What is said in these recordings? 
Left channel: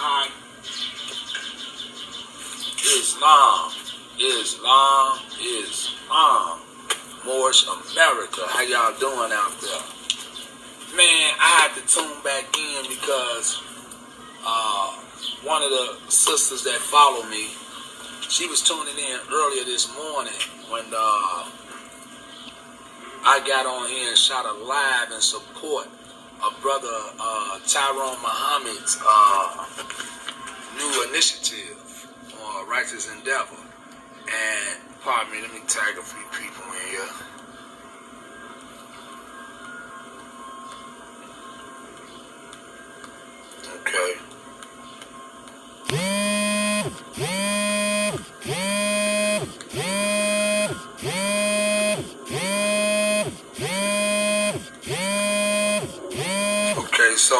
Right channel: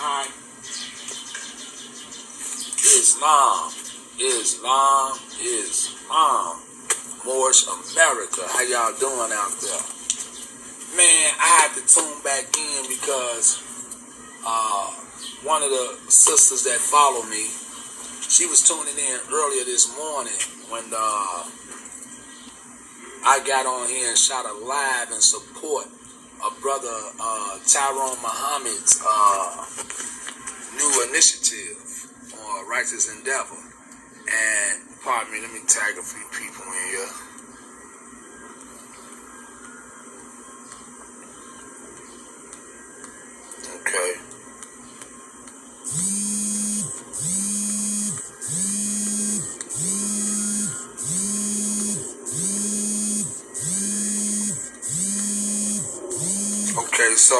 Alright. Islam. Moorish America. How y'all doing out there? Man, I had to tune back in because one of the sisters that follow me, she was tuning in earlier this morning when I got on here and shot a live in support of Brother Tyrone Muhammad's new initiative on Righteous Endeavor. And, pardon me, let me tag a few people in here. Okay. Okay, so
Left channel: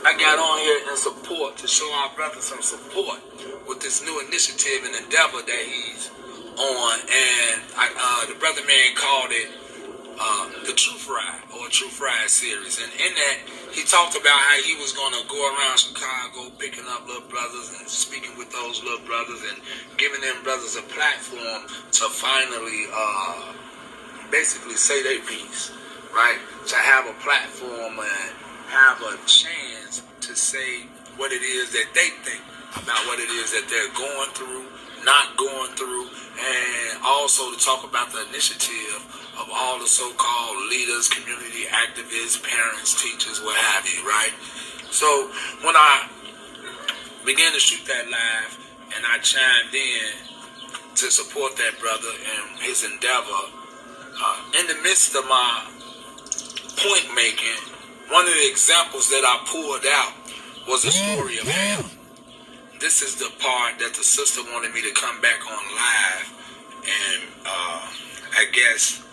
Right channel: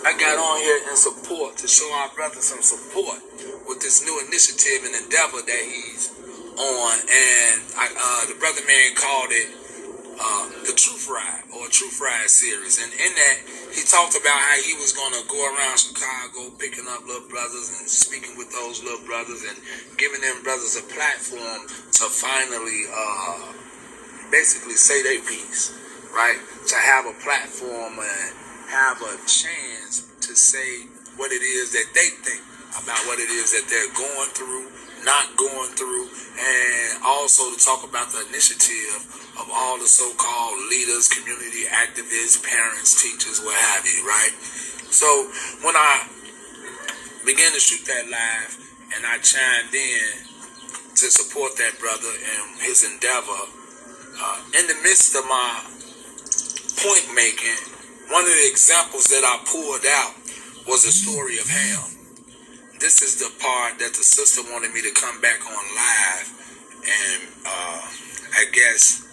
I got on here in support to show our brother some support with this new initiative and endeavor that he's on, and the brother man called it the Truth Ride, or a Truth Ride series. And in that, he talked about how he was going to go around Chicago picking up little brothers and speaking with those little brothers and giving them brothers a platform to finally basically say their piece, right? To have a platform and have a chance to say what it is that they think about what it is that they're going through, not going through, and also to talk about the initiative of all the so-called leaders, community activists, parents, teachers, what have you, right? So when I began to shoot that live and I chimed in to support that brother and his endeavor, in the midst of my point making, one of the examples that I pulled out was the story of Ham. This is the part that the sister wanted me to come back on live and I guess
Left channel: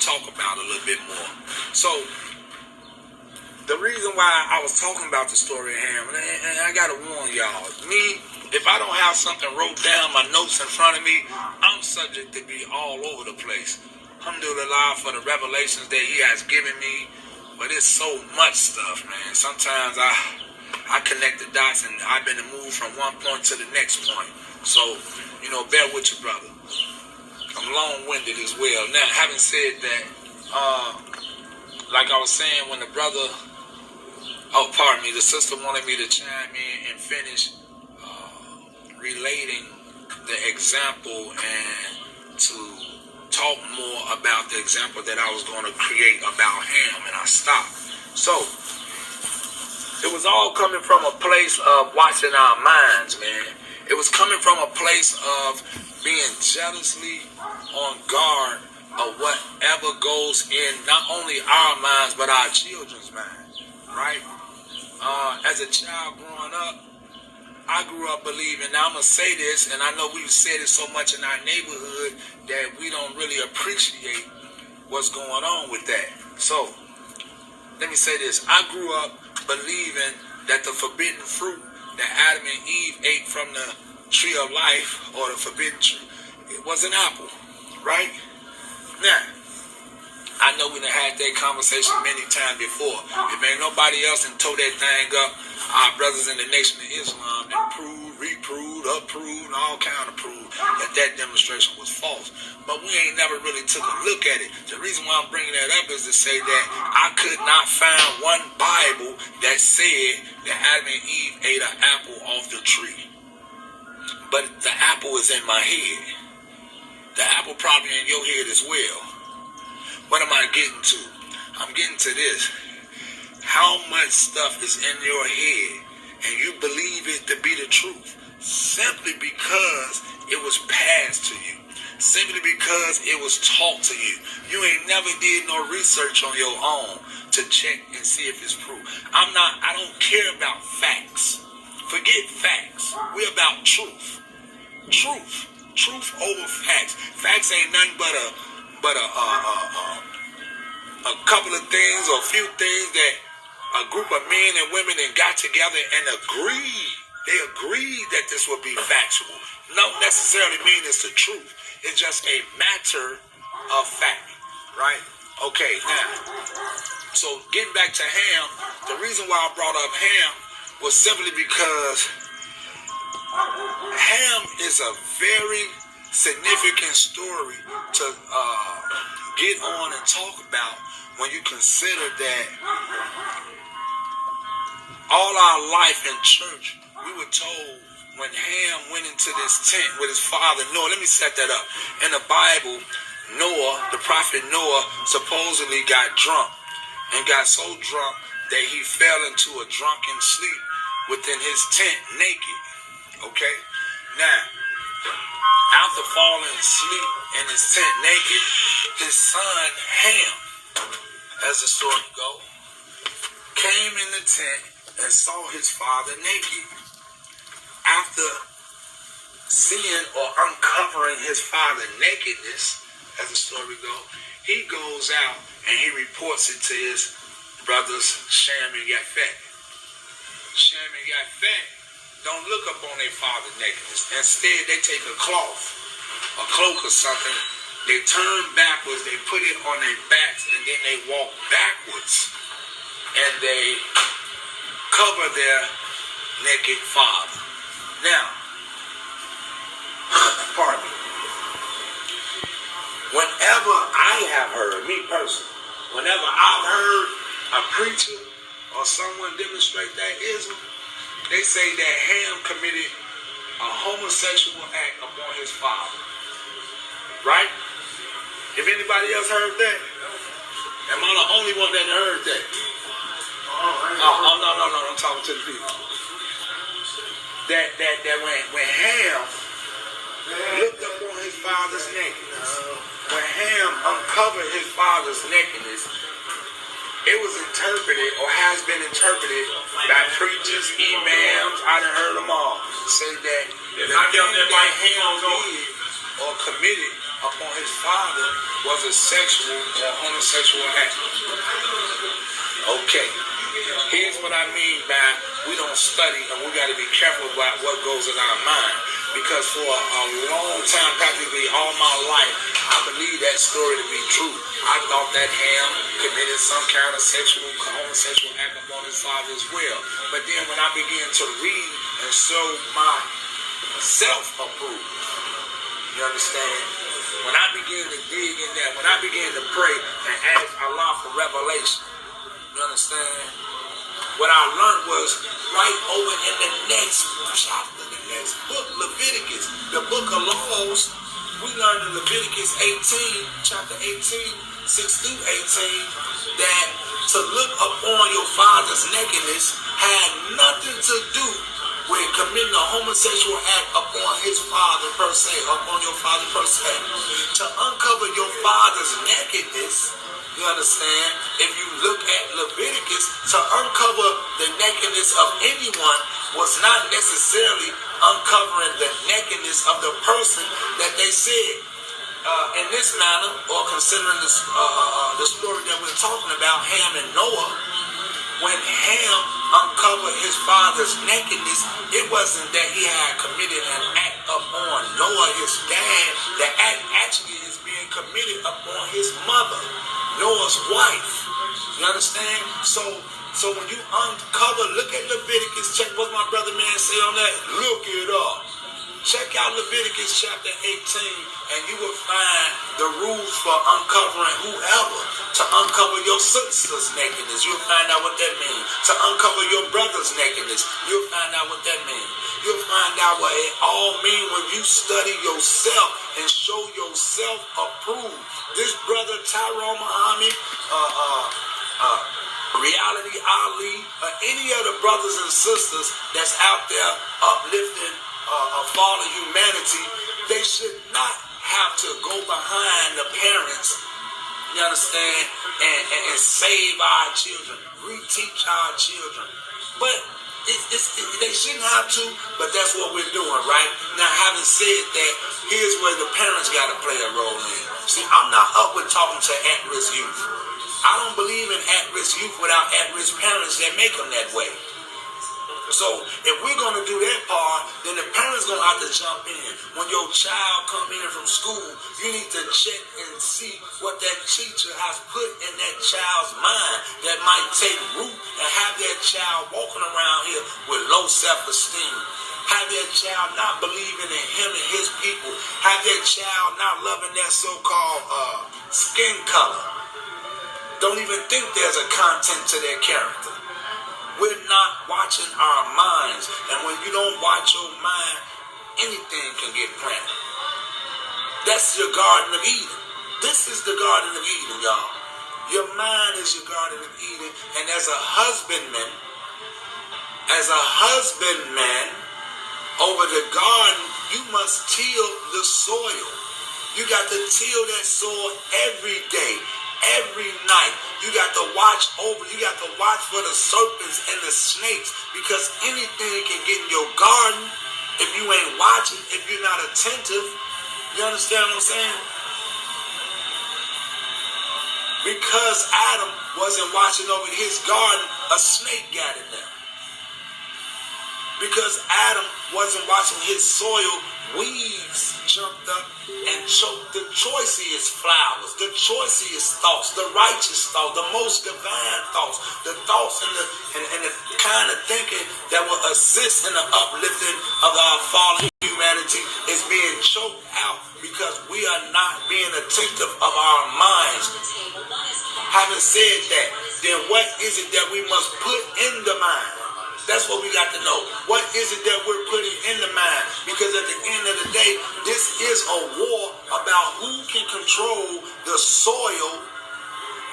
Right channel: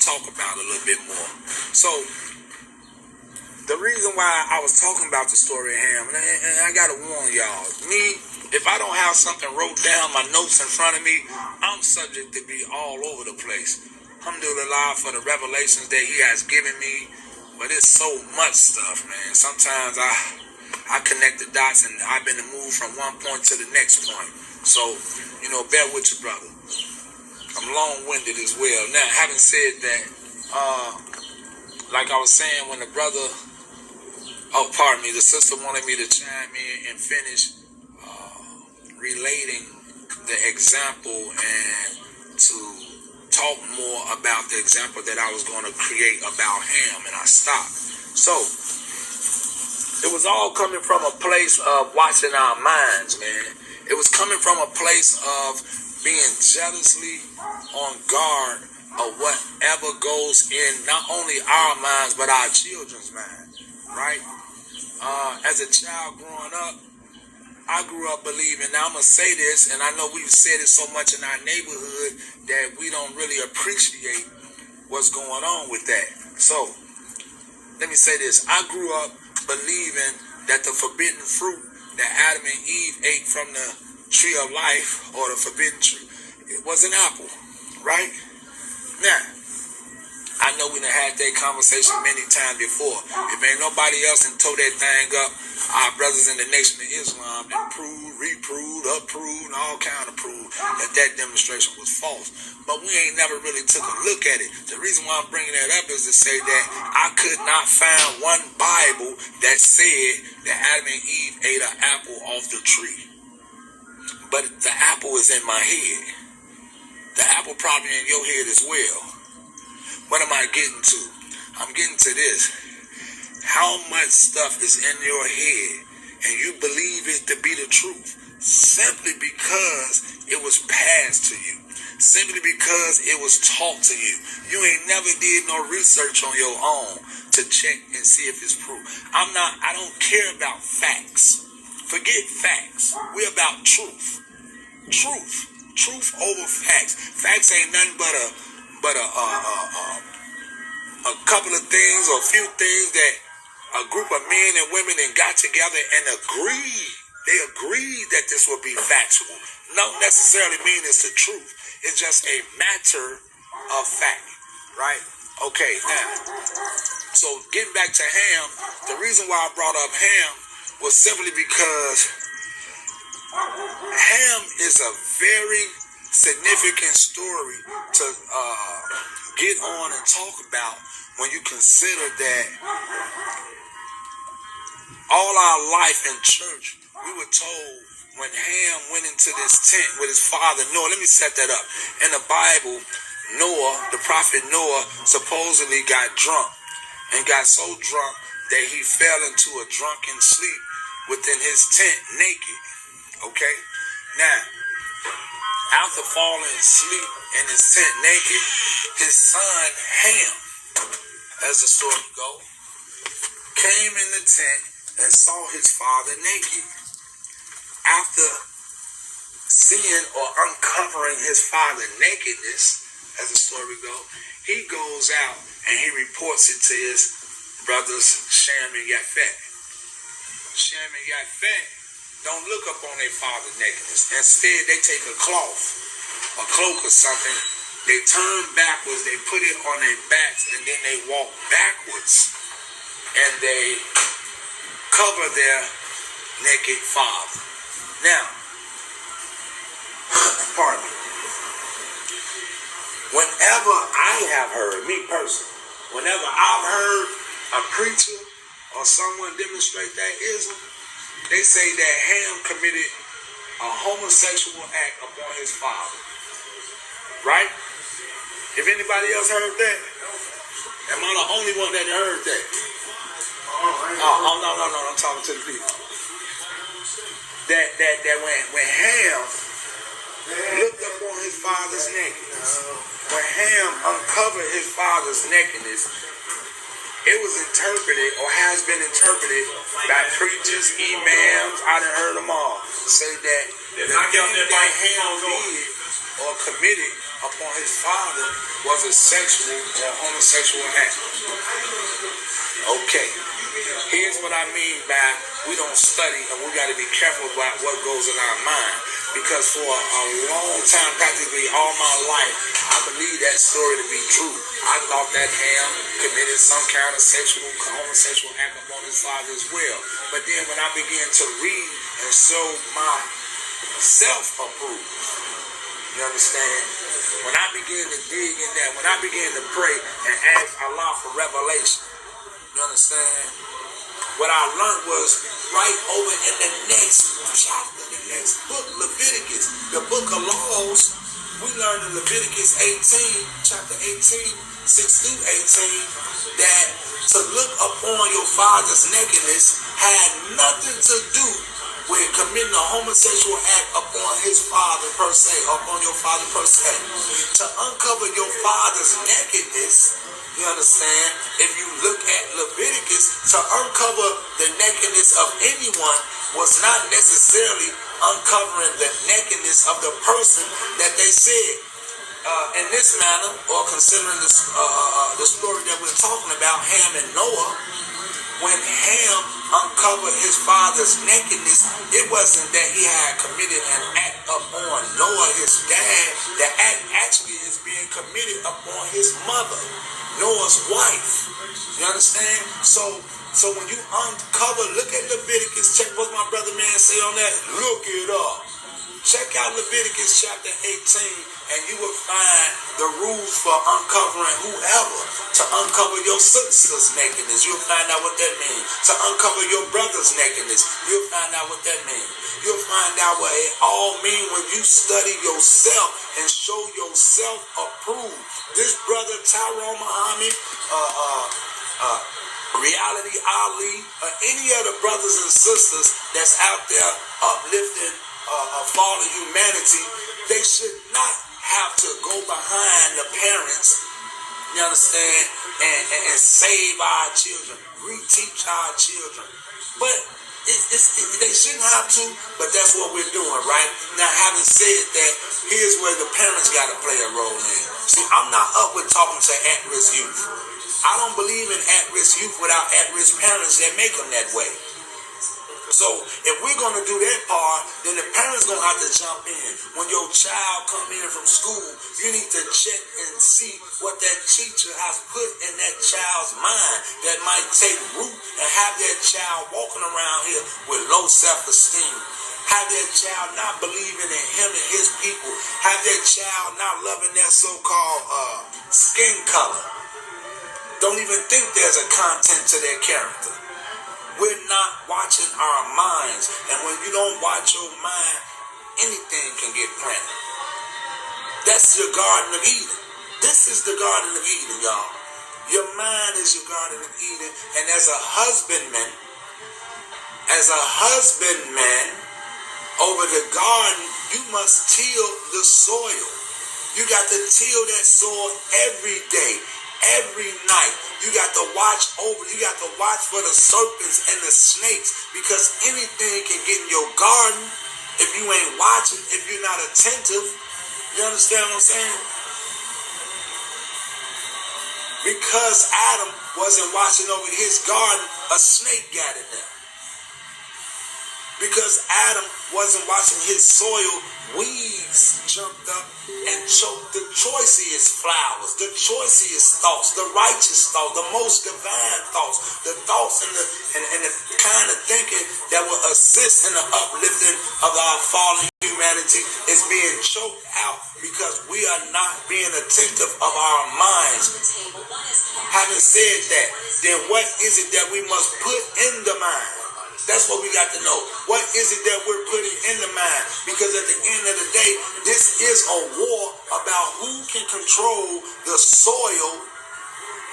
talk about a little bit more. So the reason why I was talking about the story of Ham, and I gotta warn y'all, me, if I don't have something wrote down, my notes in front of me, I'm subject to be all over the place. Alhamdulillah for the revelations that he has given me, but it's so much stuff, man. Sometimes I connect the dots and I've been moved from one point to the next point. So, bear with your brother. I'm long-winded as well. Now, having said that, like I was saying, when the brother, the sister wanted me to chime in and finish relating the example and to talk more about the example that I was going to create about Ham, and I stopped. So, it was all coming from a place of watching our minds, man. It was coming from a place of being jealously on guard of whatever goes in not only our minds, but our children's minds, right? As a child growing up, I grew up believing, now I'm going to say this, and I know we've said it so much in our neighborhood that we don't really appreciate what's going on with that. So, let me say this. I grew up believing that the forbidden fruit that Adam and Eve ate from the tree of life, or the forbidden tree, it was an apple, right? Now, I know we done had that conversation many times before. If ain't nobody else done tore that thing up, our brothers in the Nation of Islam done proved, reproved, approved, and all kind of proved that demonstration was false. But we ain't never really took a look at it. The reason why I'm bringing that up is to say that I could not find one Bible that said that Adam and Eve ate an apple off the tree. But the apple is in my head. The apple probably in your head as well. What am I getting to? I'm getting to this. How much stuff is in your head and you believe it to be the truth simply because it was passed to you, simply because it was taught to you. You ain't never did no research on your own to check and see if it's proof. I don't care about facts. Forget facts. We're about truth. Truth over facts. Facts ain't nothing but a couple of things or a few things that a group of men and women then got together and agreed. They agreed that this would be factual. Don't necessarily mean it's the truth. It's just a matter of fact, right? Okay, now So getting back to Ham, the reason why I brought up Ham was simply because Ham is a very significant story to get on and talk about when you consider that all our life in church, we were told when Ham went into this tent with his father Noah. Let me set that up. In the Bible, Noah, the prophet Noah, supposedly got drunk and got so drunk that he fell into a drunken sleep within his tent naked. Okay? Now, after falling asleep in his tent naked, his son Ham, as the story goes, came in the tent and saw his father naked. After seeing or uncovering his father's nakedness, as the story goes, he goes out and he reports it to his brothers Shem and Japheth. Shem and Japheth don't look up on their father's nakedness. Instead, they take a cloth, a cloak or something, they turn backwards, they put it on their backs, and then they walk backwards, and they cover their naked father. Now, pardon me. Whenever I have heard, me personally, whenever I've heard a preacher or someone demonstrate that ism, they say that Ham committed a homosexual act upon his father. Right? If anybody else heard that, am I the only one that heard that? Oh, no, I'm talking to the people. That when Ham looked up on his father's nakedness, when Ham uncovered his father's nakedness, it was interpreted or has been interpreted by preachers, imams, I done heard them all, say that the thing that Ham did or committed upon his father was a sexual or homosexual act. Okay, here's what I mean by we don't study and we got to be careful about what goes in our mind. Because for a long time, practically all my life, I believe that story to be true. I thought that Ham committed some kind of homosexual act upon his father as well. But then when I began to read and show my self-approval, you understand? When I began to dig in that, when I began to pray and ask Allah for revelation, you understand? What I learned was right over in the next chapter, the next book, Leviticus, the book of laws. We learned in Leviticus 18, chapter 18, 6 through 18, that to look upon your father's nakedness had nothing to do with committing a homosexual act upon his father per se, upon your father per se. To uncover your father's nakedness, you understand, if you look at Leviticus, to uncover the nakedness of anyone was not necessarily uncovering the nakedness of the person that they said. In this manner, or considering the story that we're talking about, Ham and Noah, when Ham uncovered his father's nakedness, it wasn't that he had committed an act upon Noah, his dad. The act actually is being committed upon his mother, Noah's wife. You understand? So when you uncover, look at Leviticus, check what my brother man say on that. Look it up. Check out Leviticus chapter 18, and you will find the rules for uncovering whoever. To uncover your sister's nakedness, you'll find out what that means. To uncover your brother's nakedness, you'll find out what that means. You'll find out what it all means when you study yourself and show yourself approved. This brother Tyrone Muhammad, Reality Ali, any of the brothers and sisters that's out there uplifting fallen humanity, they should not have to go behind the parents, you understand, and save our children, reteach our children. But they shouldn't have to, but that's what we're doing, right? Now, having said that, here's where the parents got to play a role in. See, I'm not up with talking to at-risk youth. I don't believe in at-risk youth without at-risk parents that make them that way. So if we're going to do that part, then the parents going to have to jump in. When your child come in from school, you need to check and see what that teacher has put in that child's mind that might take root and have that child walking around here with low self-esteem. Have that child not believing in him and his people. Have that child not loving their so-called skin color. Don't even think there's a content to their character. We're not watching our minds. And when you don't watch your mind, anything can get planted. That's your Garden of Eden. This is the Garden of Eden, y'all. Your mind is your Garden of Eden. And as a husbandman, over the garden, you must till the soil. You got to till that soil every day. Every night, you got to watch over. You got to watch for the serpents and the snakes, because anything can get in your garden if you ain't watching, if you're not attentive. You understand what I'm saying? Because Adam wasn't watching over his garden, a snake got in there. Because Adam wasn't watching his soil, weeds jumped up and choked the choicest flowers, the choicest thoughts, the righteous thoughts, the most divine thoughts, the thoughts and the kind of thinking that will assist in the uplifting of our fallen humanity is being choked out because we are not being attentive of our minds. Having said that, then what is it that we must put in the mind? That's what we got to know. What is it that we're putting in the mind? Because at the end of the day, this is a war about who can control the soil,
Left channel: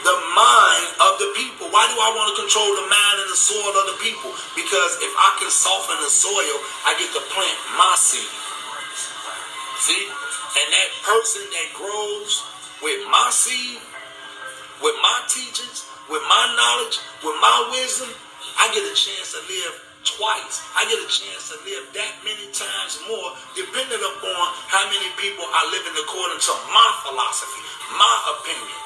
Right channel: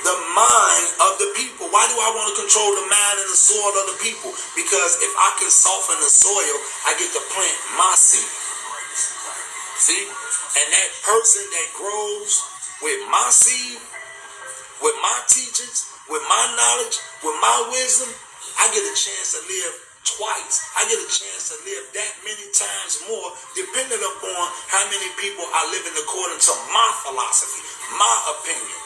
the mind of the people. Why do I want to control the mind and the soil of the people? Because if I can soften the soil, I get to plant my seed. See? And that person that grows with my seed, with my teachings, with my knowledge, with my wisdom, I get a chance to live twice. I get a chance to live that many times more, depending upon how many people are living according to my philosophy, my opinion.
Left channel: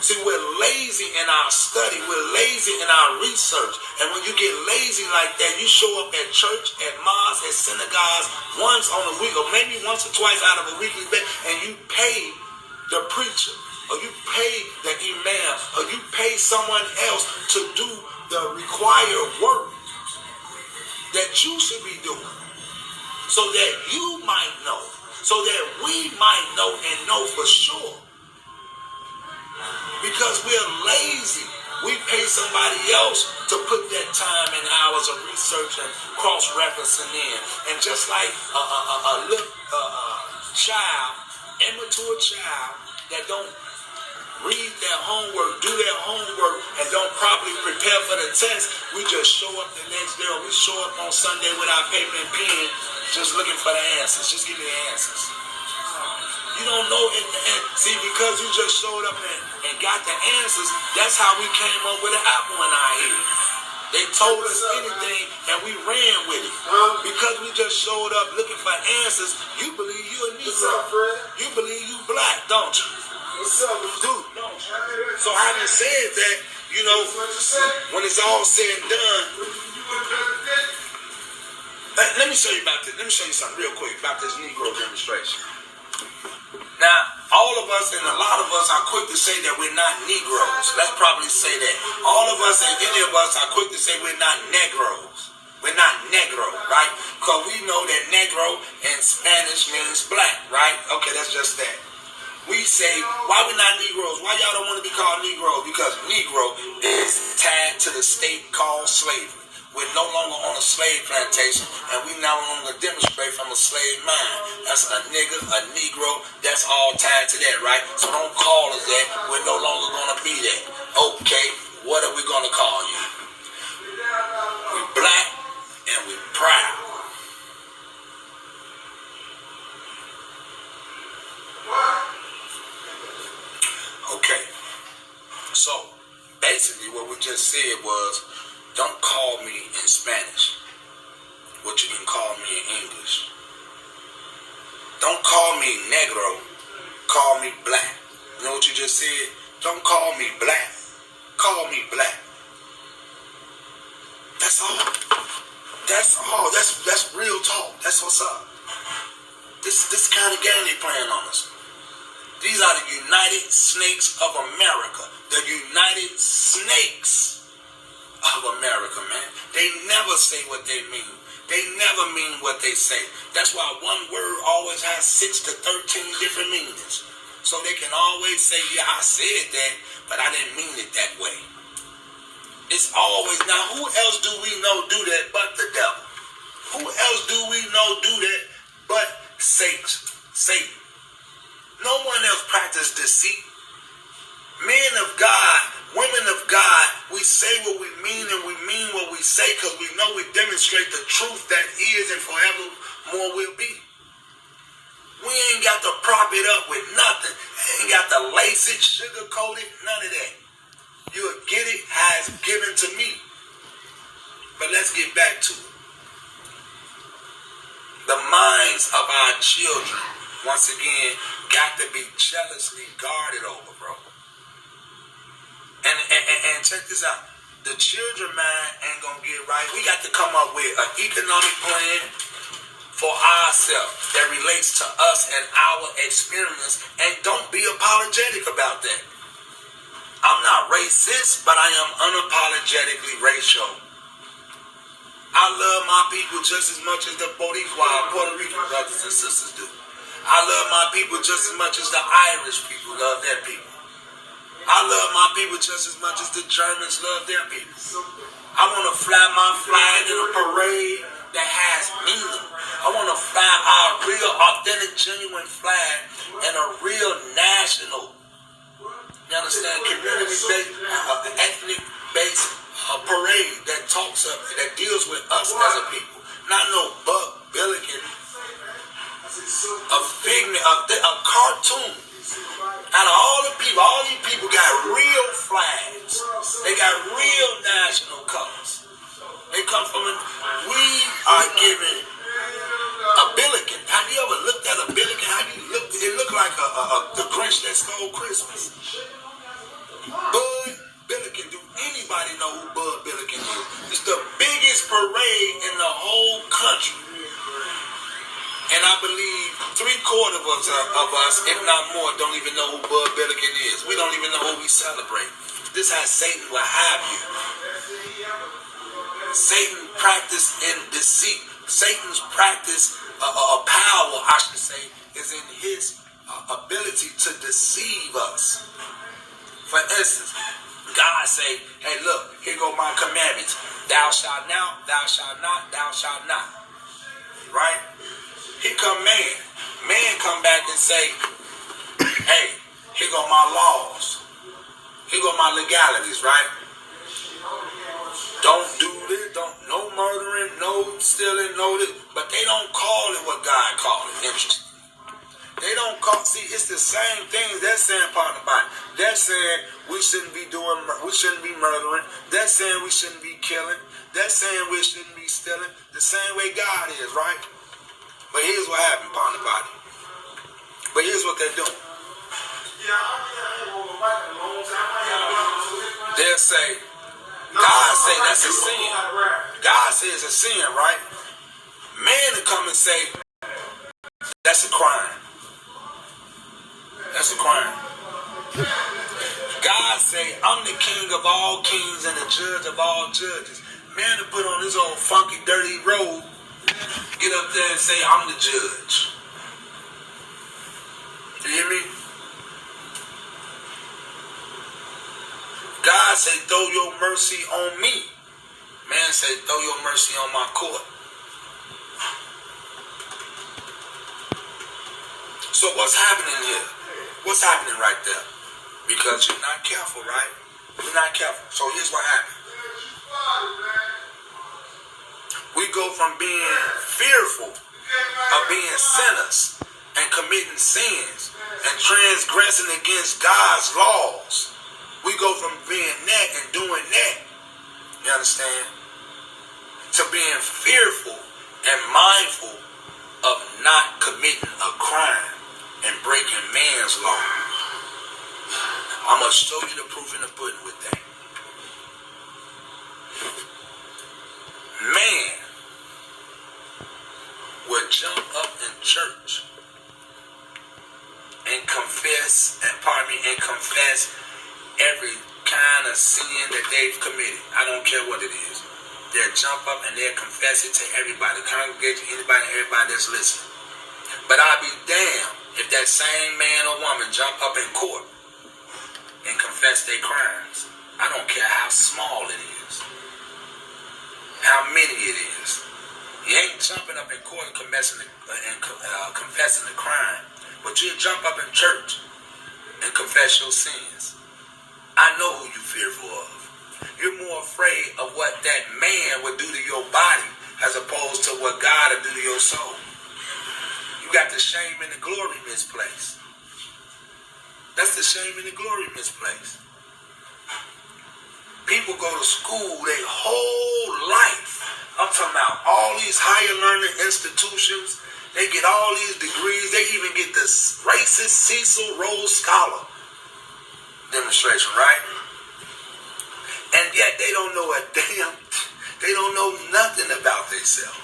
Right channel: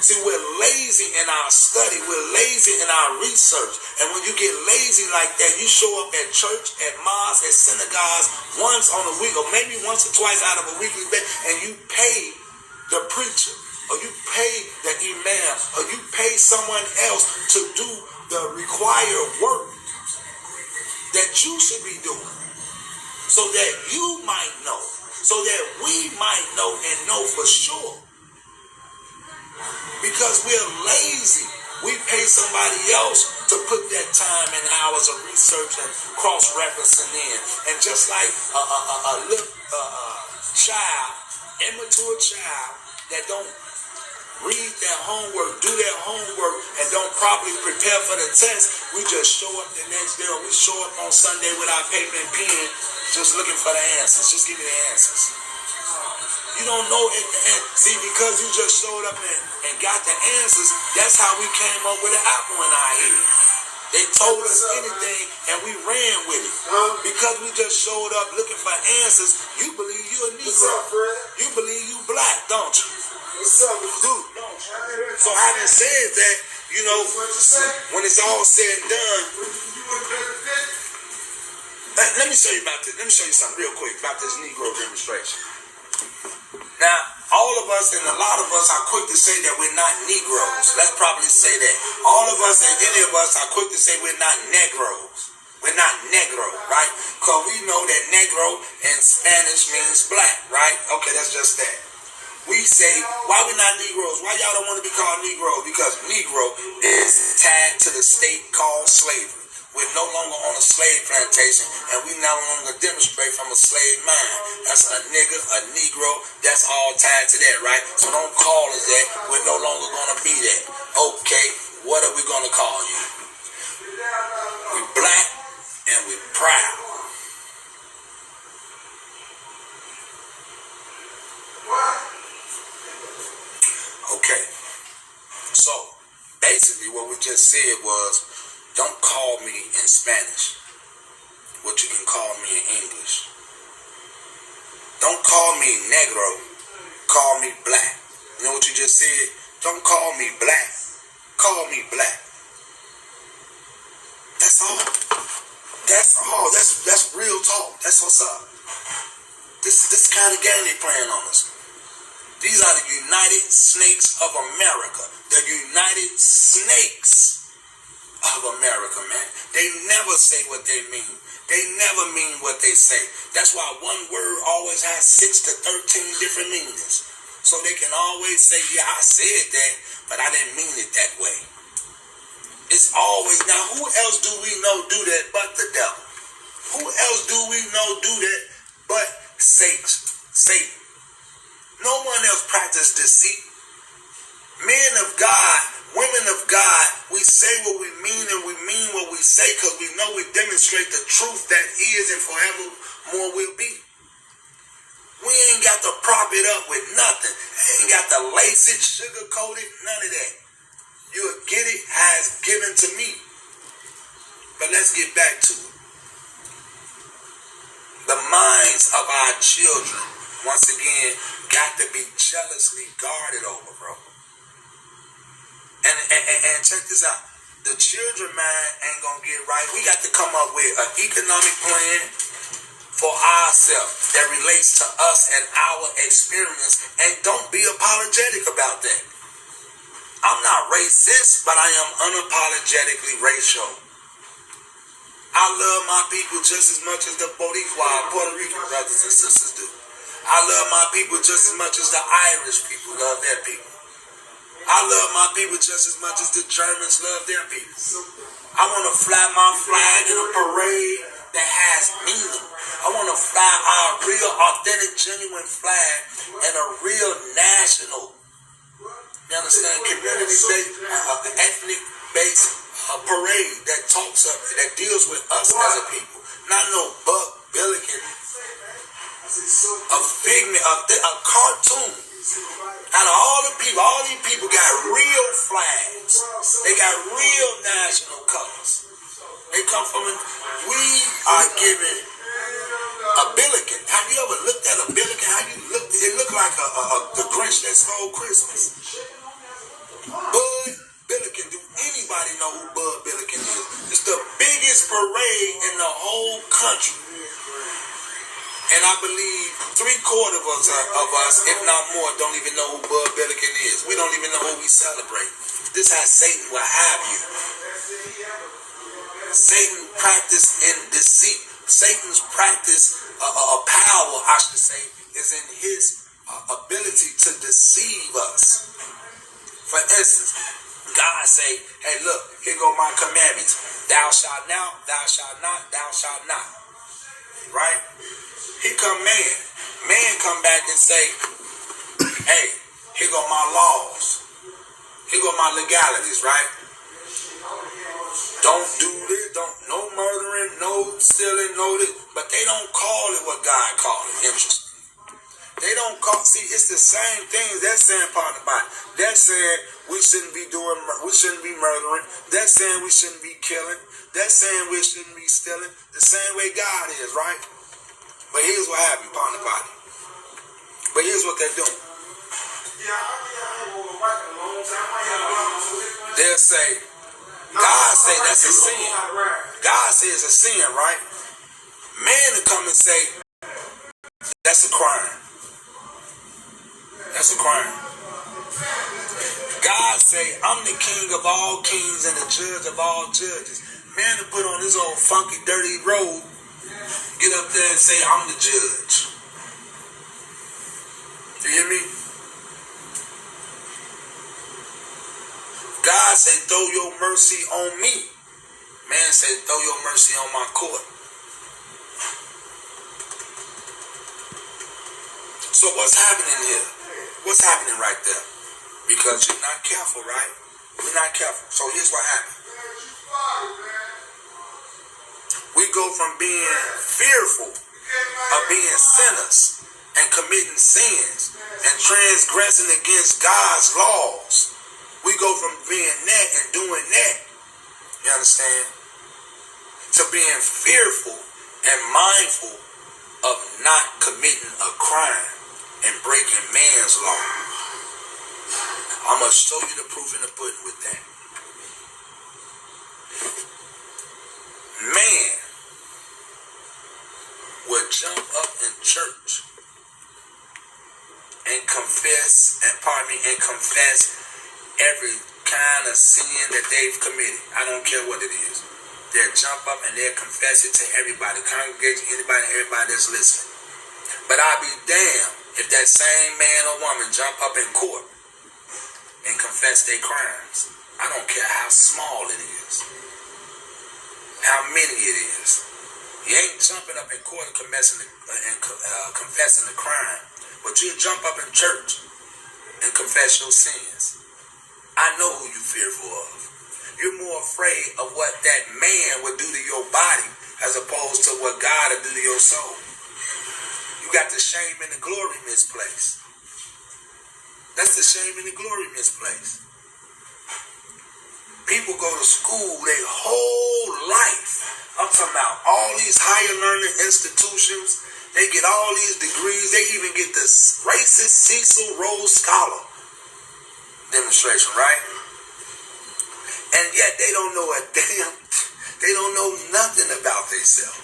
See, we're lazy in our study. We're lazy in our research. And when you get lazy like that, you show up at church, at mosques, at synagogues once on a week, or maybe once or twice out of a weekly basis, and you pay the preacher, or you pay the imam, or you pay someone else to do the required work that you should be doing, so that you might know, so that we might know and know for sure. Because we're lazy. We pay somebody else to put that time and hours of research and cross-referencing in. And just like a little child, immature child, that don't read their homework, do their homework, and don't properly prepare for the test, we just show up the next day, or we show up on Sunday with our paper and pen, just looking for the answers. Just give me the answers. You don't know at the end. See, because you just showed up and got the answers, that's how we came up with an apple in our head. They told us anything, and we ran with it. Because we just showed up looking for answers, you believe you a Negro. What's up, Fred? You believe you black, don't you? What's up, dude? So having said that, you know, when it's all said and done, let me show you about this. Let me show you something real quick about this Negro demonstration. Now, all of us and a lot of us are quick to say that we're not Negroes. Let's probably say that. All of us and any of us are quick to say we're not Negros. We're not Negro, right? Because we know that Negro in Spanish means black, right? Okay, that's just that. We say, why we not Negroes? Why y'all don't want to be called Negroes? Because Negro is tied to the state called slavery. We're no longer on a slave plantation, and we no longer demonstrate from a slave mind. That's a nigga, a Negro, that's all tied to that, right? So don't call us that. We're no longer going to be that. Okay, what are we going to call you? We black, and we proud. Okay, so basically what we just said was, don't call me in Spanish, what you can call me in English. Don't call me Negro, call me black. You know what you just said? Don't call me black, call me black. That's That's all. That's all. That's real talk. That's what's up. This kind of game they playing on us. These are the United Snakes of America. The United Snakes of America, man. They never say what they mean. They never mean what they say. That's why one word always has 6 to 13 different meanings. So they can always say, yeah, I said that, but I didn't mean it that way. It's always, now who else do we know do that but the devil? Who else do we know do that but Satan? No one else practices deceit. Men of God, women of God, we say what we mean and we mean what we say because we know we demonstrate the truth that is and forevermore will be. We ain't got to prop it up with nothing. Ain't got to lace it, sugarcoat it, none of that. You'll get it as given to me. But let's get back to it. The minds of our children, once again, got to be jealously guarded over, bro. And check this out. The children mind ain't gonna get right. We got to come up with an economic plan for ourselves that relates to us and our experience, and don't be apologetic about that. I'm not racist, but I am unapologetically racial. I love my people just as much as the Boricua, Puerto Rican brothers and sisters do. I love my people just as much as the Irish people love their people. I love my people just as much as the Germans love their people. I want to fly my flag in a parade that has meaning. I want to fly our real, authentic, genuine flag in a real national, you understand, community-based, ethnic-based parade that talks up, that deals with us as a people. Not no Buck Billiken, a figment, a cartoon. Out of all the people, all these people got real flags. They got real national colors. They come from, we are given a Billiken. Have you ever looked at a Billiken? How you look? It looked like the Grinch that stole Christmas. Bud Billiken. Do anybody know who Bud Billiken is? It's the biggest parade in the whole country. And I believe 3/4 of us, if not more, don't even know who Bud Billiken is. We don't even know who we celebrate. This is how Satan will have you. Satan practice in deceit. Satan's practice of power, I should say, is in his ability to deceive us. For instance, God say, hey, look, here go my commandments. Thou shalt not, thou shalt not, thou shalt not. Right? Here come man. Man come back and say, hey, here go my laws. Here go my legalities, right? Don't do this, no murdering, no stealing, no this. But they don't call it what God called it. Interesting. They don't call, see, it's the same things they're saying part about it. They're saying we shouldn't be murdering. They're saying we shouldn't be killing. They're saying we shouldn't be stealing. The same way God is, right? But here's what happened upon the body. But here's what they're doing. They'll say, God say that's a sin. God says it's a sin, right? Man will come and say, that's a crime. That's a crime. God say, I'm the king of all kings and the judge of all judges. Man will put on his old funky, dirty robe, get up there and say, I'm the judge. You hear me? God say, throw your mercy on me. Man say, throw your mercy on my court. So what's happening here? What's happening right there? Because you're not careful, right? You're not careful. So here's what happened. We go from being fearful of being sinners and committing sins and transgressing against God's laws. We go from being that and doing that, you understand, to being fearful and mindful of not committing a crime and breaking man's law. I'm going to show you the proof in the pudding with that. that they've committed. I don't care what it is. They'll jump up and they'll confess it to everybody, congregation, anybody, everybody that's listening. But I'll be damned if that same man or woman jump up in court and confess their crimes. I don't care how small it is, how many it is. You ain't jumping up in court and confessing the crime, but you'll jump up in church and confess your sins. I know who you're fearful of. You're more afraid of what that man would do to your body as opposed to what God will do to your soul. You got the shame and the glory misplaced. That's the shame and the glory misplaced. People go to school their whole life. I'm talking about all these higher learning institutions. They get all these degrees. They even get this racist Cecil Rhodes Scholar demonstration, right? And yet they don't know a damn, they don't know nothing about themselves.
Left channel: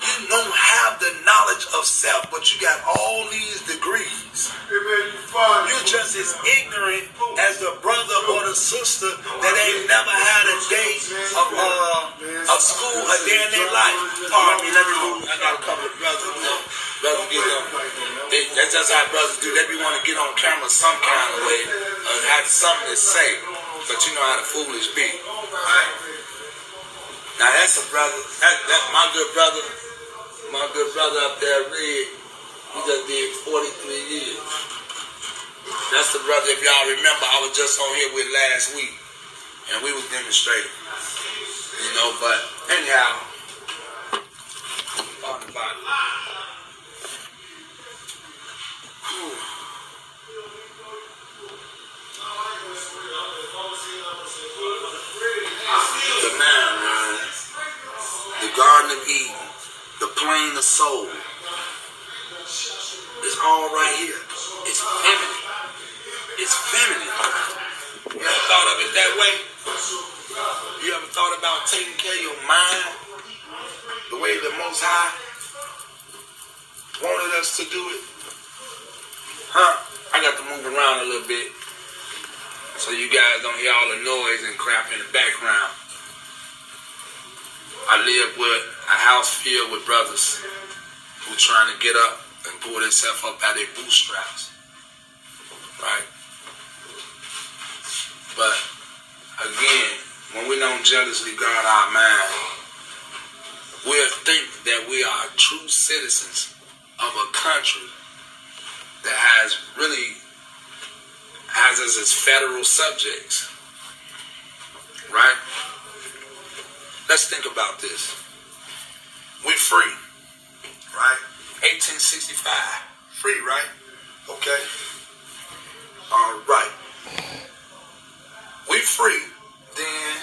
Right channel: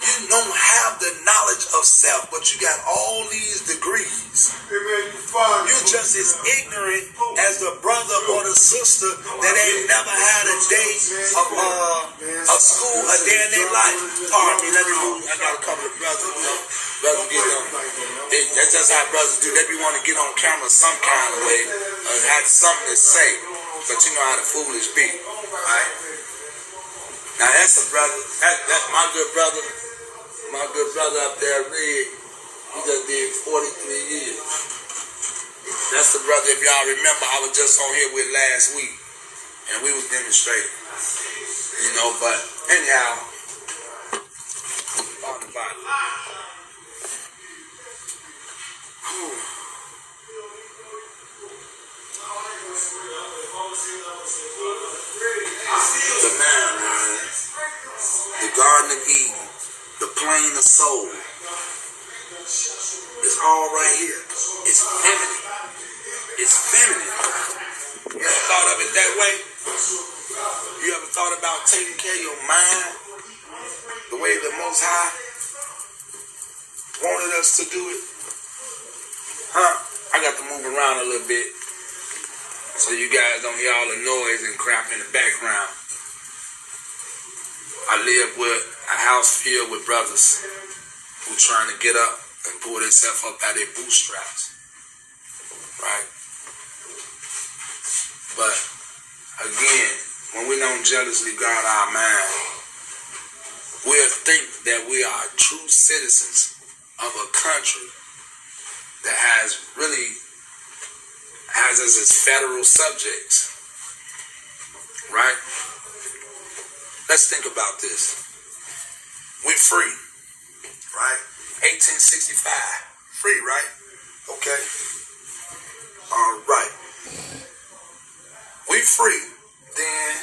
You don't have the knowledge of self, but you got all these degrees. You're just as ignorant as the brother or the sister that ain't never had a day of school a day in their life. Pardon me, let me move. I got a couple of brothers, you know. Brothers get on. That's just how brothers do. They be want to get on camera some kind of way, have something to say. But you know how the foolish be, right? Now that's a brother. That's my good brother. My good brother up there, Red, he just did 43 years. That's the brother, if y'all remember, I was just on here with last week, and we was demonstrating. You know, but anyhow, on the bottom. The man, the Garden of Eden. The plane of soul. It's all right here. It's feminine. It's feminine. You ever thought of it that way? You ever thought about taking care of your mind the way the Most High wanted us to do it? Huh? I got to move around a little bit so you guys don't hear all the noise and crap in the background. I live with a house filled with brothers who trying to get up and pull themselves up out of their bootstraps. Right? But again, when we don't jealously guard our mind, we'll think that we are true citizens of a country that has us as federal subjects. Right? Let's think about this. We're free, right? 1865, free, right? Okay. All right. We're free. Then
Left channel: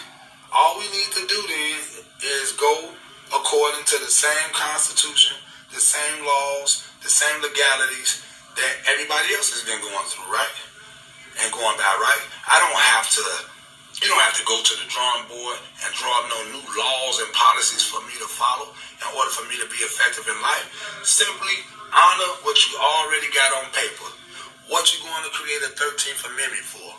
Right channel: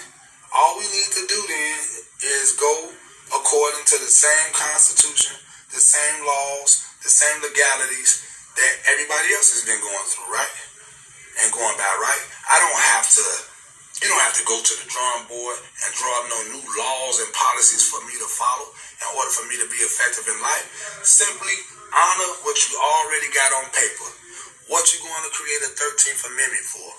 all we need to do then is go according to the same Constitution, the same laws, the same legalities that everybody else has been going through, right? And going by, right? You don't have to go to the drawing board and draw up no new laws and policies for me to follow in order for me to be effective in life. Simply honor what you already got on paper. What you going to create a 13th Amendment for?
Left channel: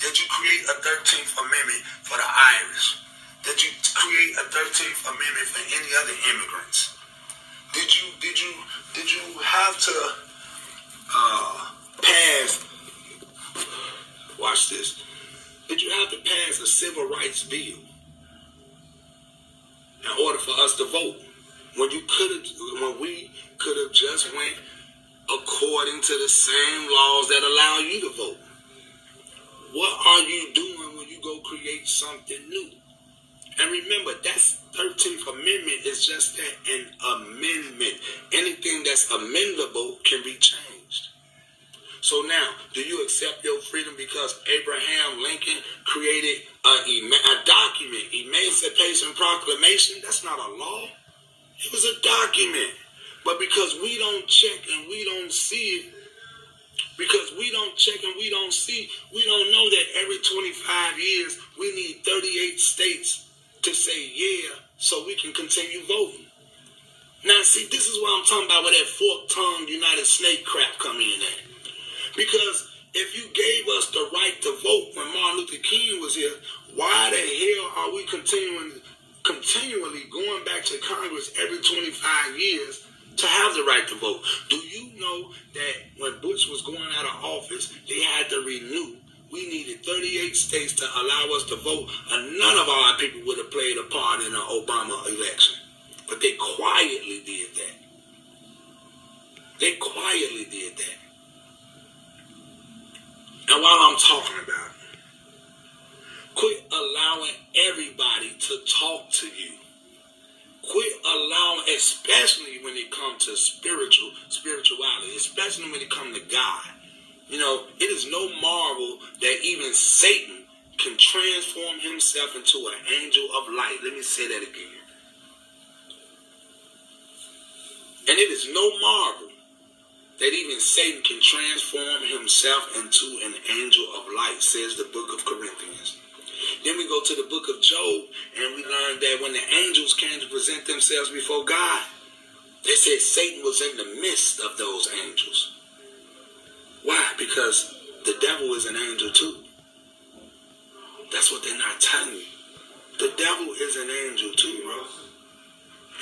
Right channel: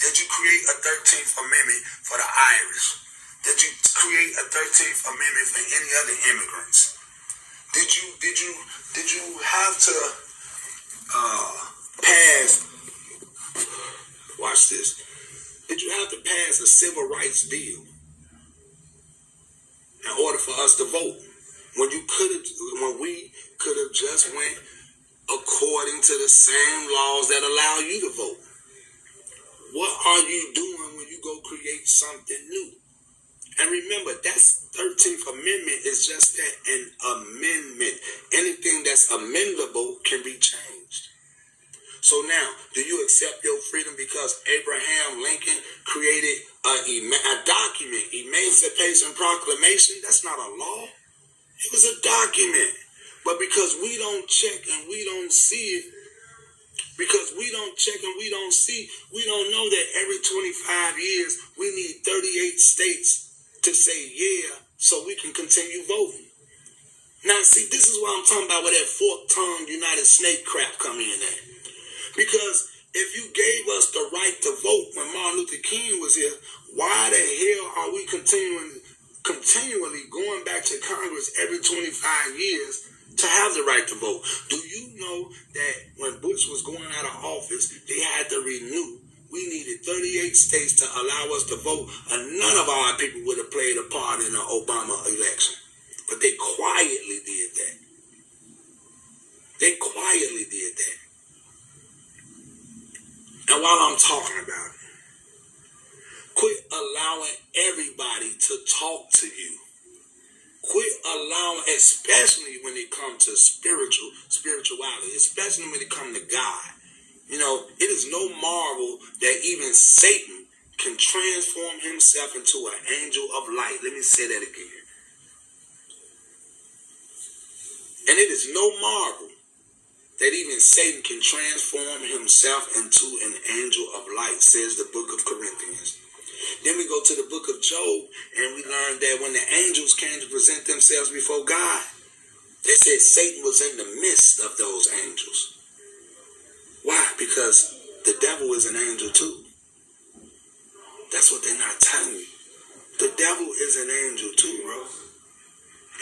Did you create a 13th Amendment for the Irish? Did you create a 13th Amendment for any other immigrants? Did you have to pass? Watch this. Did you have to pass a civil rights bill in order for us to vote? When we could have just went according to the same laws that allow you to vote. What are you doing when you go create something new? And remember, that's 13th Amendment is just that, an amendment. Anything that's amendable can be changed. So now, do you accept your freedom because Abraham Lincoln created a document, Emancipation Proclamation? That's not a law. It was a document. But because we don't check and we don't see it, because we don't check and we don't see, we don't know that every 25 years we need 38 states to say yeah so we can continue voting. Now, see, this is what I'm talking about where that fork-tongued United Snake crap come in at. Because if you gave us the right to vote when Martin Luther King was here, why the hell are we continually going back to Congress every 25 years to have the right to vote? Do you know that when Bush was going out of office, they had to renew? We needed 38 states to allow us to vote, and none of our people would have played a part in the Obama election. But they quietly did that. They quietly did that. And while I'm talking about it, quit allowing everybody to talk to you. Quit allowing, especially when it comes to spirituality, especially when it comes to God. You know, it is no marvel that even Satan can transform himself into an angel of light. Let me say that again. And it is no marvel that even Satan can transform himself into an angel of light, says the book of Corinthians. Then we go to the book of Job, and we learn that when the angels came to present themselves before God, they said Satan was in the midst of those angels. Why? Because the devil is an angel too. That's what they're not telling you. The devil is an angel too, bro.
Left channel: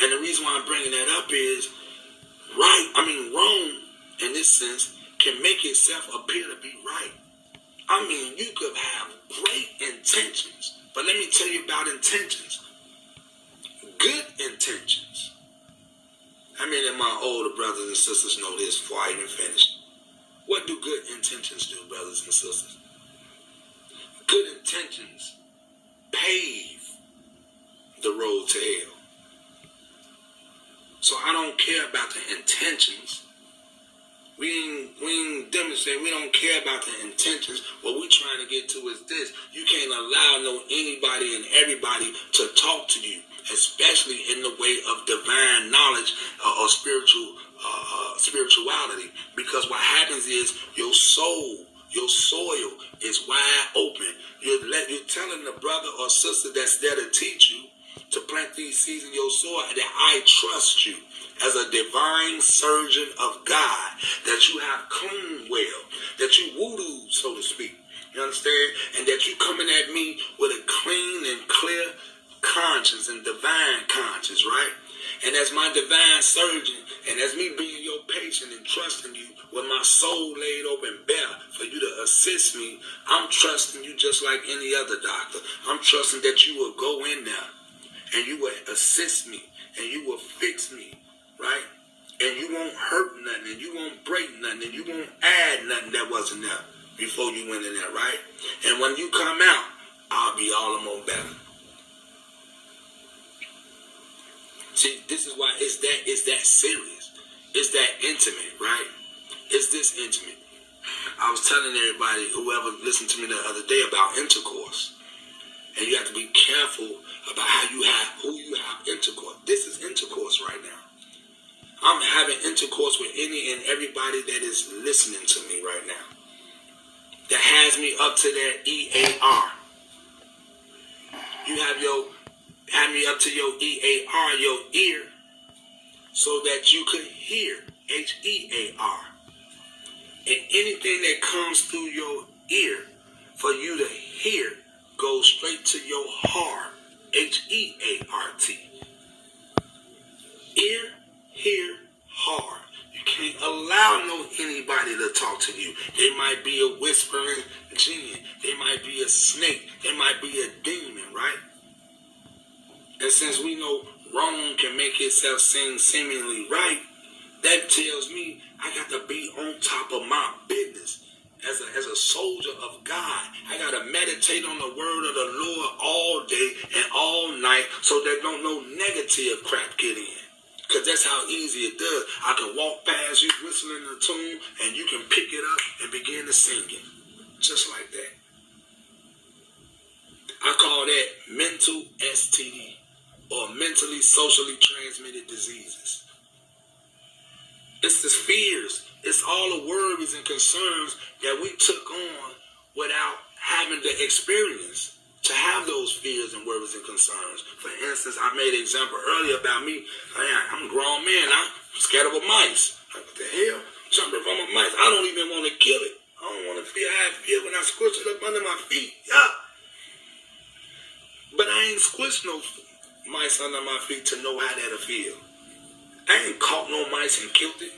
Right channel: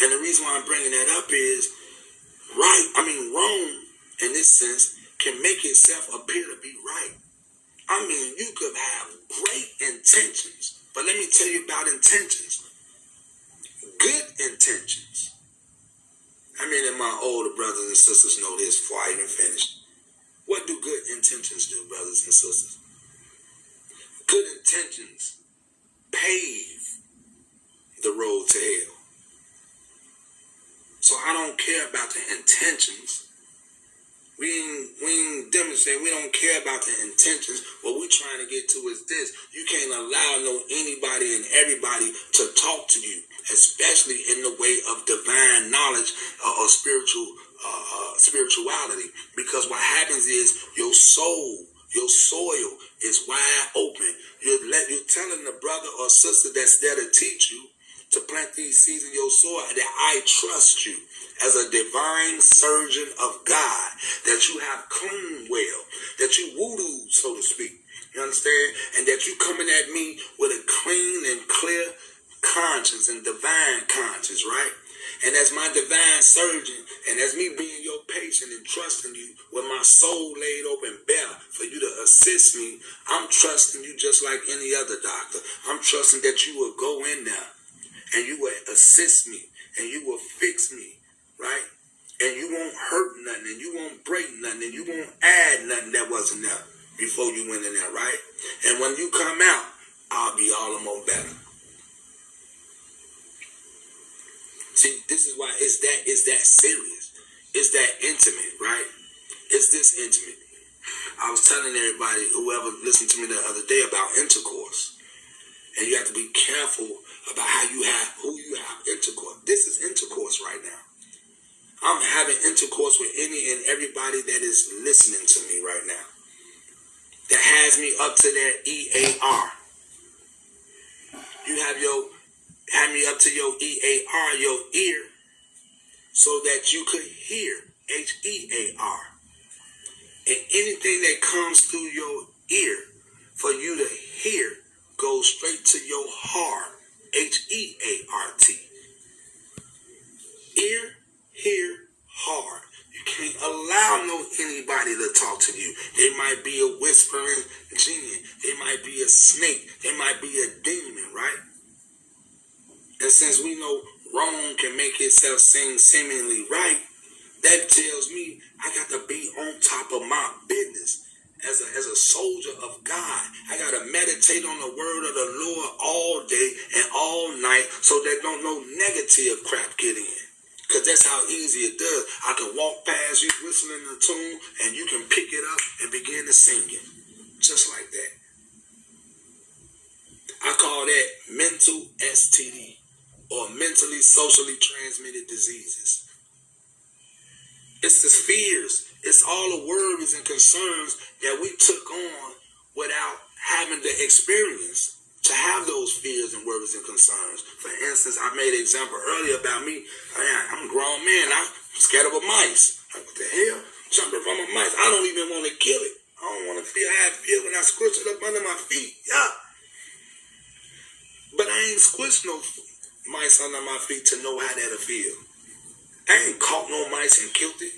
And the reason why I'm bringing that up is, Rome, in this sense, can make itself appear to be right. I mean, you could have great intentions, but let me tell you about intentions. Good intentions. How many of my older brothers and sisters know this before I even finish? What do good intentions do, brothers and sisters? Good intentions pave the road to hell. So I don't care about the intentions. We ain't demonstrate. We don't care about the intentions. What we're trying to get to is this: you can't allow anybody and everybody to talk to you, especially in the way of divine knowledge or spirituality. Because what happens is your soul, your soil is wide open. You're telling the brother or sister that's there to teach you, to plant these seeds in your soil, that I trust you as a divine surgeon of God, that you have clean well, that you voodoo, so to speak. You understand? And that you coming at me with a clean and clear conscience and divine conscience, right? And as my divine surgeon, and as me being your patient and trusting you with my soul laid open bare for you to assist me, I'm trusting you just like any other doctor. I'm trusting that you will go in there and you will assist me and you will fix me, right? And you won't hurt nothing, and you won't break nothing, and you won't add nothing that wasn't there before you went in there, right? And when you come out, I'll be all the more better. See, this is why it's that serious. It's that intimate, right? It's this intimate. I was telling everybody, whoever listened to me the other day, about intercourse. And you have to be careful about who you have intercourse. This is intercourse right now. I'm having intercourse with any and everybody that is listening to me right now, that has me up to their EAR. You have me up to your EAR, your ear, so that you could hear, HEAR. And anything that comes through your ear for you to hear goes straight to your heart, HEART. Ear, hear, heart. You can't allow anybody to talk to you. They might be a whispering jinn. They might be a snake. They might be a demon, right? And since we know wrong can make itself seem seemingly right, that tells me I got to be on top of my business. As a soldier of God, I got to meditate on the word of the Lord all day and all night so that don't no negative crap get in. Because that's how easy it does. I can walk past you whistling a tune and you can pick it up and begin to sing it. Just like that. I call that mental STD, or mentally socially transmitted diseases. It's the fears. It's all the worries and concerns that we took on without having the experience to have those fears and worries and concerns. For instance, I made an example earlier about me. I'm a grown man. I'm scared of a mice. Like, what the hell? Jumping from a mice. I don't even want to kill it. I don't want to feel how I feel when I squish it up under my feet. Yeah. But I ain't squished no mice under my feet to know how that'll feel. I ain't caught no mice and killed it.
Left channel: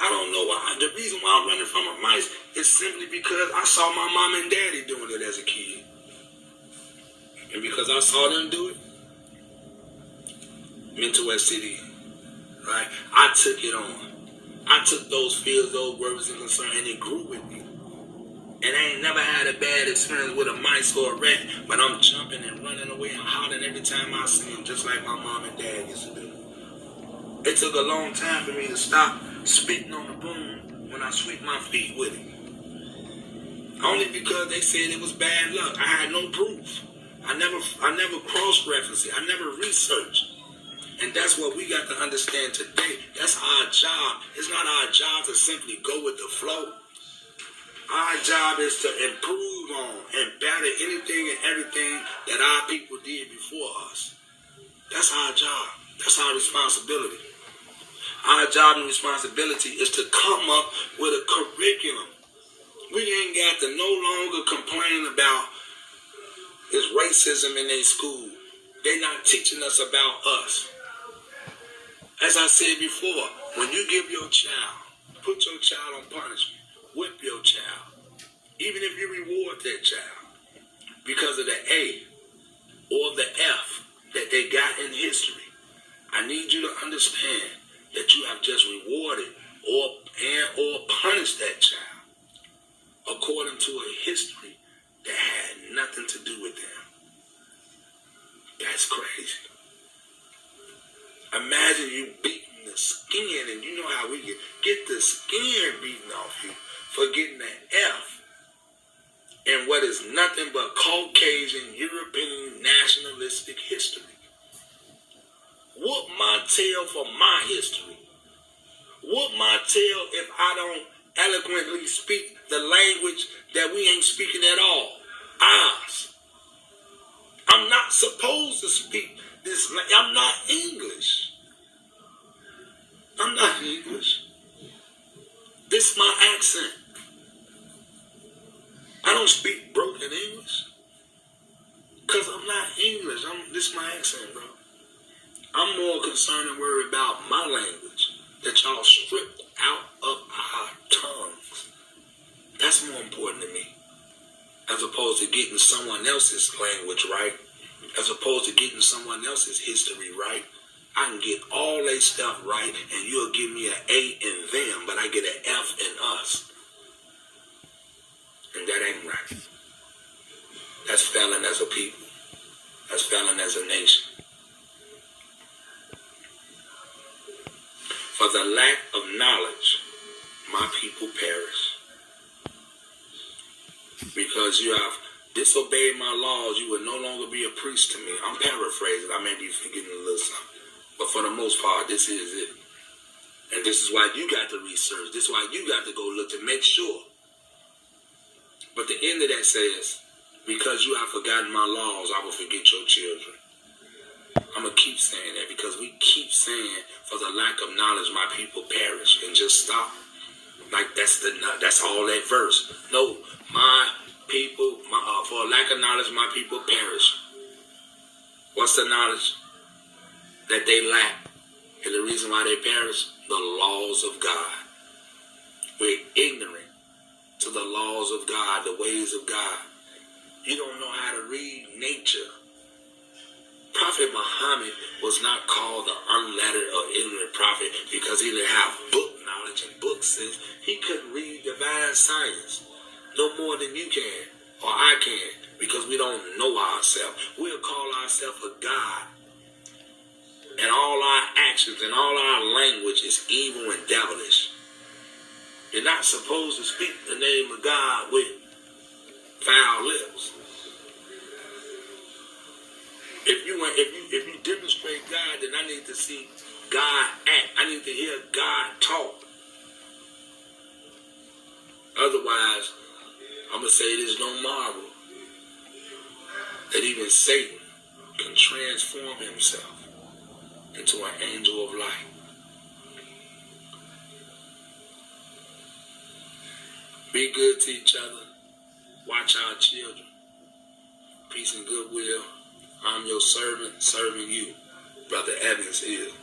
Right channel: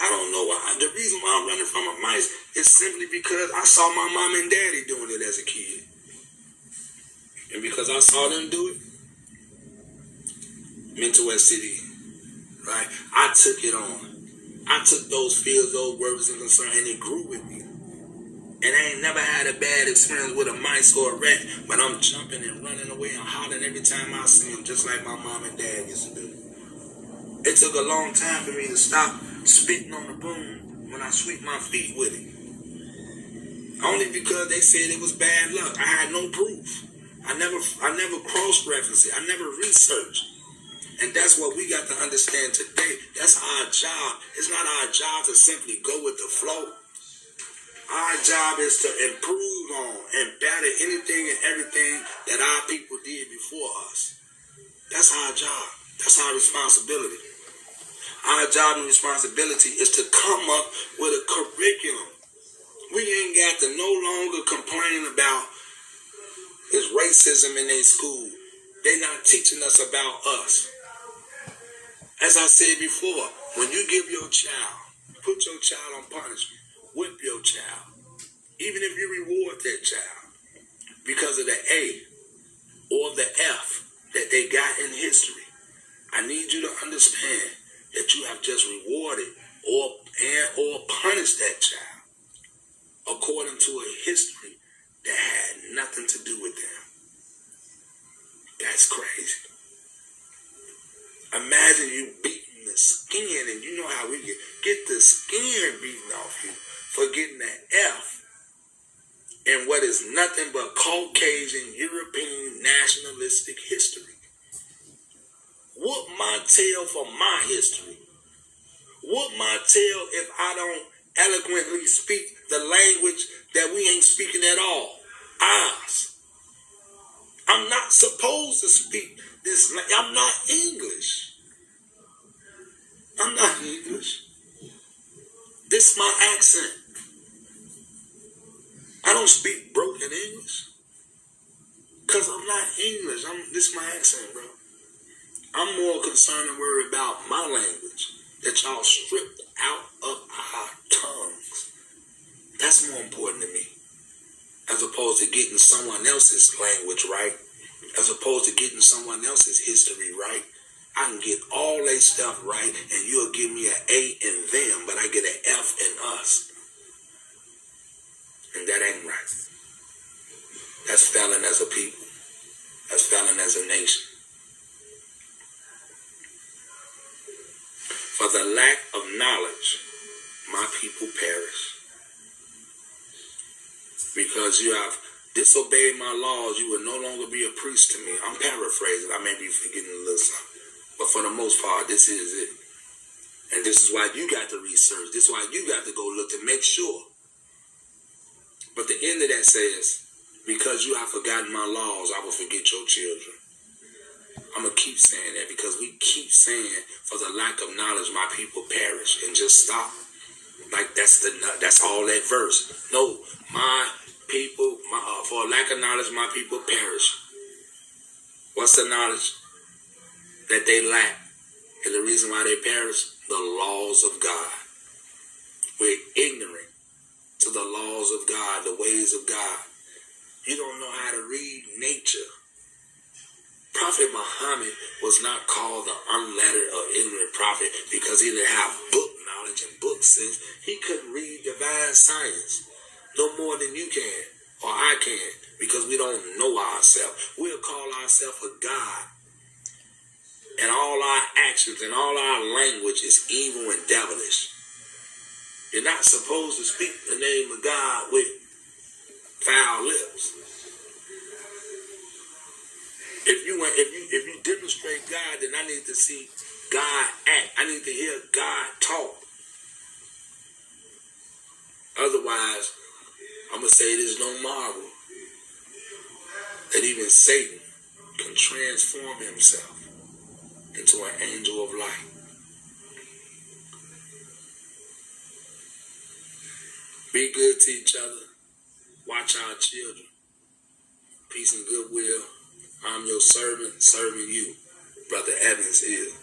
I don't know why. The reason why I'm running from a mice is simply because I saw my mom and daddy doing it as a kid. And because I saw them do it, mental STD, right? I took it on. I took those fears, those worries and concerns, and it grew with me. And I ain't never had a bad experience with a mice or a rat, but I'm jumping and running away and hollering every time I see them, just like my mom and dad used to do. It took a long time for me to stop spitting on the broom when I sweep my feet with it. Only because they said it was bad luck. I had no proof. I never cross-referenced it. I never researched. And that's what we got to understand today. That's our job. It's not our job to simply go with the flow. Our job is to improve on and better anything and everything that our people did before us. That's our job. That's our responsibility. Our job and responsibility is to come up with a curriculum. We ain't got to no longer complain about this racism in their school. They're not teaching us about us. As I said before, when you give your child, put your child on punishment, whip your child, even if you reward that child because of the A or the F that they got in history, I need you to understand that you have just rewarded or punished that child according to a history that had nothing to do with them. That's crazy. Imagine you beating the skin, and you know how we get the skin beaten off you for getting an F in what is nothing but Caucasian, European, nationalistic history. Whoop my tail for my history. Whoop my tail if I don't eloquently speak the language that we ain't speaking at all. Ours. I'm not supposed to speak this. I'm not English. I'm not English. This is my accent. I don't speak broken English. Because I'm not English. This is my accent, bro. I'm more concerned and worried about my language that y'all stripped out of our tongues. That's more important to me. As opposed to getting someone else's language right. As opposed to getting someone else's history right. I can get all their stuff right and you'll give me an A in them, but I get an F in us. And that ain't right. That's failing as a people. That's failing as a nation. For the lack of knowledge, my people perish. Because you have disobeyed my laws, you will no longer be a priest to me. I'm paraphrasing. I may be forgetting a little something. But for the most part, this is it. And this is why you got to research. This is why you got to go look to make sure. But the end of that says, because you have forgotten my laws, I will forget your children. I'm going to keep saying that because we keep saying, for the lack of knowledge, my people perish. And just stop. Like that's all that verse. No, my people, for lack of knowledge, my people perish. What's the knowledge that they lack? And the reason why they perish? The laws of God. We're ignorant to the laws of God, the ways of God. You don't know how to read nature. Prophet Muhammad was not called the unlettered or ignorant prophet because he didn't have book knowledge and book sense. He couldn't read divine science no more than you can or I can because we don't know ourselves. We'll call ourselves a God. And all our actions and all our language is evil and devilish. You're not supposed to speak the name of God with foul lips. If you demonstrate God, then I need to see God act. I need to hear God talk. Otherwise, I'm going to say it is no marvel that even Satan can transform himself into an angel of light. Be good to each other. Watch our children. Peace and goodwill. I'm your servant, serving you. Brother Evans is.